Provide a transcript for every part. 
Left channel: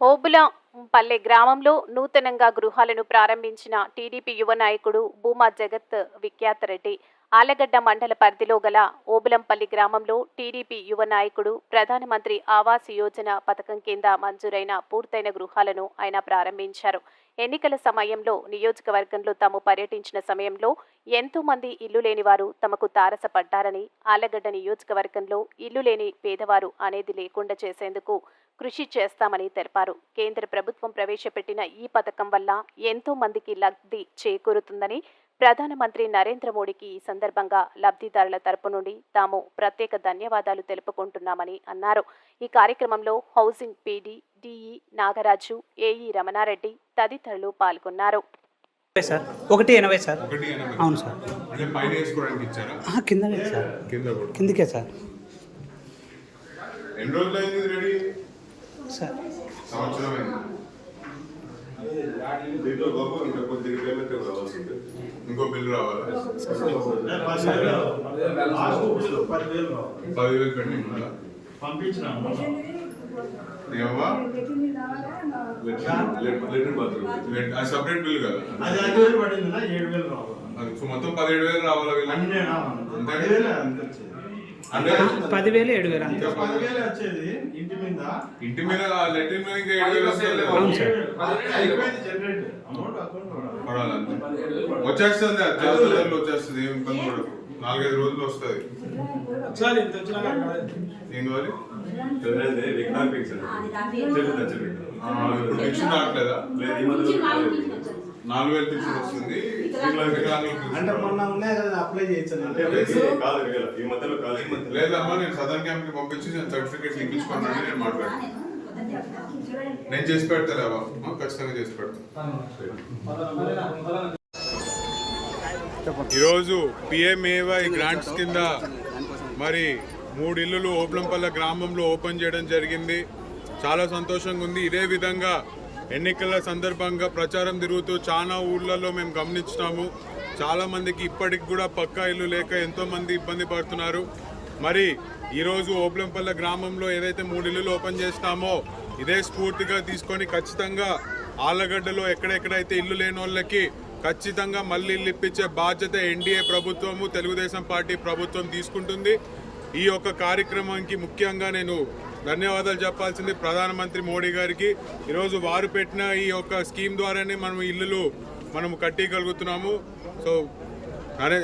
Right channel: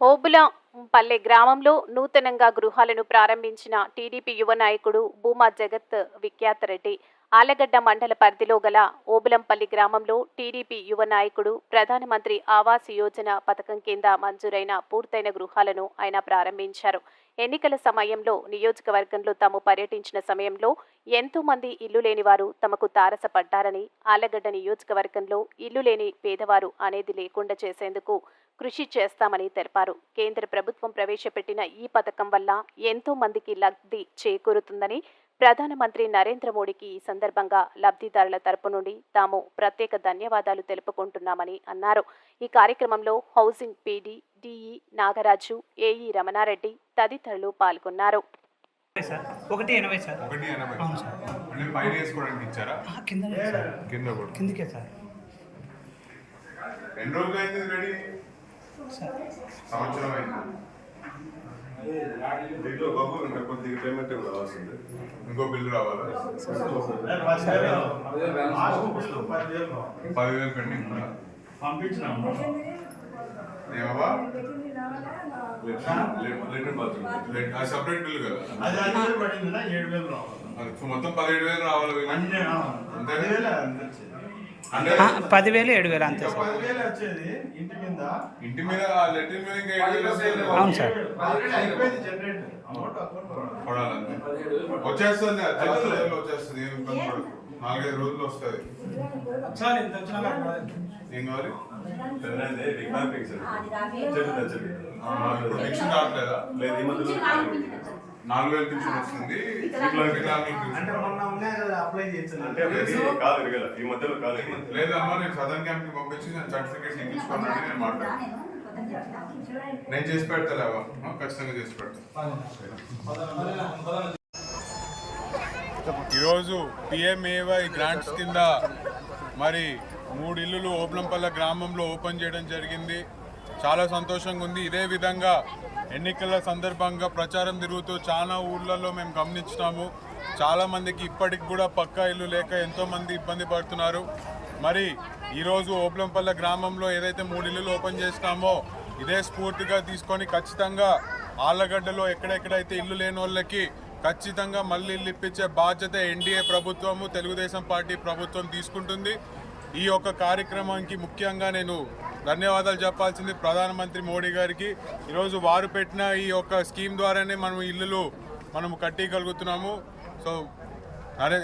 ఓబులంపల్లె గ్రామంలో నూతనంగా గృహాలను ప్రారంభించిన టీడీపీ యువ నాయకుడు భూమా జగత్ విఖ్యాత రెడ్డి. ఆలగడ్డ మండల పరిధిలో గల ఓబులంపల్లి గ్రామంలో టీడీపీ యువ నాయకుడు ప్రధానమంత్రి ఆవాస్ యోజన పథకం కింద మంజూరైన పూర్తయిన గృహాలను ఆయన ప్రారంభించారు. ఎన్నికల సమయంలో నియోజకవర్గంలో తాము పర్యటించిన సమయంలో ఎంతో మంది ఇల్లు లేని వారు తమకు తారసపడ్డారని ఆలగడ్డ నియోజకవర్గంలో ఇల్లు లేని పేదవారు అనేది లేకుండా చేసేందుకు కృషి చేస్తామని తెలిపారు. కేంద్ర ప్రభుత్వం ప్రవేశపెట్టిన ఈ పథకం వల్ల ఎంతో మందికి లబ్ధి చేకూరుతుందని ప్రధానమంత్రి నరేంద్ర మోడీకి ఈ సందర్భంగా లబ్ధిదారుల తరపు నుండి తాము ప్రత్యేక ధన్యవాదాలు తెలుపుకుంటున్నామని అన్నారు. ఈ కార్యక్రమంలో housing PD DE Nagaraju AE Ramana Reddy తదితరులు పాల్గొన్నారు. ఎనభై సార్. ఒకటి ఎనభై సార్. ఒకటి ఎనభై అవును సార్. అంటే పైన వేసుకోవడానికి ఇచ్చారా? ఆ, కిందనే సార్. కింద కూడా. కిందకే సార్. ఎన్ని రోజులు అయింది రెడీ? సార్. సంవత్సరం అయింది? దీంట్లో బాబు ఇంకా కొద్దిగా కిలోమీటర్ రావాల్సింది. ఇంకో బిల్లు రావాలా? పదివేలు. పెండింగ్ ఉందా? సపరేట్ బిల్లు కదా. మొత్తం పదిహేడు వేలు రావాలా పదివేలే అంత వచ్చేది. అంటే ఆ, పదివేలు ఏడు వేలు అంతే. ఇంటి మీద. ఇంటి మీద లెటర్ మీద ఇంకా ఏడు వేలు అవును సార్. వచ్చేస్తుంది రోజులు వచ్చేస్తుంది? ఏం ఇబ్బంది పడకు. నాలుగైదు రోజులు వస్తుంది ఏం కావాలి? ఇప్పుడు పెన్షన్ రావట్లేదా? నాలుగు వేలు పెన్షన్ వస్తుంది. లేదమ్మా నేను సదర్ క్యాంప్కి పంపించి నేను సర్టిఫికేట్ ఇప్పించుకున్నాను నేను మాట్లాడతాను నేను చేసి పెడతాను ఖచ్చితంగా చేసి పెడతాను ఈరోజు పిఎంఏవై గ్రాంట్స్ కింద మరి మూడు ఇల్లులు ఓబ్లంపల్ల గ్రామంలో ఓపెన్ చేయడం జరిగింది. చాలా సంతోషంగా ఉంది. ఇదే విధంగా ఎన్నికల సందర్భంగా ప్రచారం తిరుగుతూ చాలా ఊళ్ళల్లో మేము గమనించినాము. చాలా మందికి ఇప్పటికి కూడా పక్కా ఇల్లు లేక ఎంతో మంది ఇబ్బంది పడుతున్నారు. మరి ఈరోజు ఓబ్లంపల్ల గ్రామంలో ఏదైతే మూడు ఇల్లులు ఓపెన్ చేసినామో ఇదే స్ఫూర్తిగా తీసుకొని ఖచ్చితంగా ఆళ్ళగడ్డలో ఎక్కడెక్కడైతే ఇల్లు లేని వాళ్ళకి ఖచ్చితంగా మళ్ళీ ఇల్లు ఇప్పించే బాధ్యత ఎన్డీఏ ప్రభుత్వము తెలుగుదేశం పార్టీ ప్రభుత్వం తీసుకుంటుంది. ఈ యొక్క కార్యక్రమానికి ముఖ్యంగా నేను ధన్యవాదాలు చెప్పాల్సింది ప్రధానమంత్రి మోడీ గారికి. ఈరోజు వారు పెట్టిన ఈ యొక్క స్కీమ్ ద్వారానే మనం ఇల్లులు మనము కట్టగలుగుతున్నాము. సో నరే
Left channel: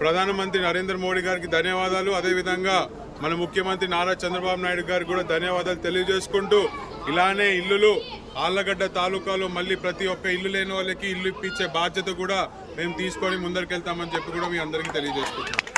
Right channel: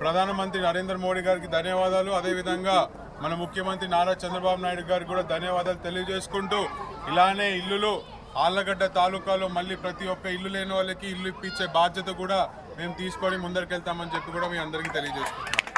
ప్రధానమంత్రి నరేంద్ర మోడీ గారికి ధన్యవాదాలు. అదేవిధంగా మన ముఖ్యమంత్రి నారా చంద్రబాబు నాయుడు గారికి కూడా ధన్యవాదాలు తెలియజేసుకుంటూ ఇలానే ఇల్లులు ఆళ్ళగడ్డ తాలూకాలో మళ్ళీ ప్రతి ఒక్క ఇల్లు లేని వాళ్ళకి ఇల్లు ఇప్పించే బాధ్యత కూడా మేము తీసుకొని ముందరికెళ్తామని చెప్పి కూడా మీ అందరికీ తెలియజేసుకుంటున్నాం.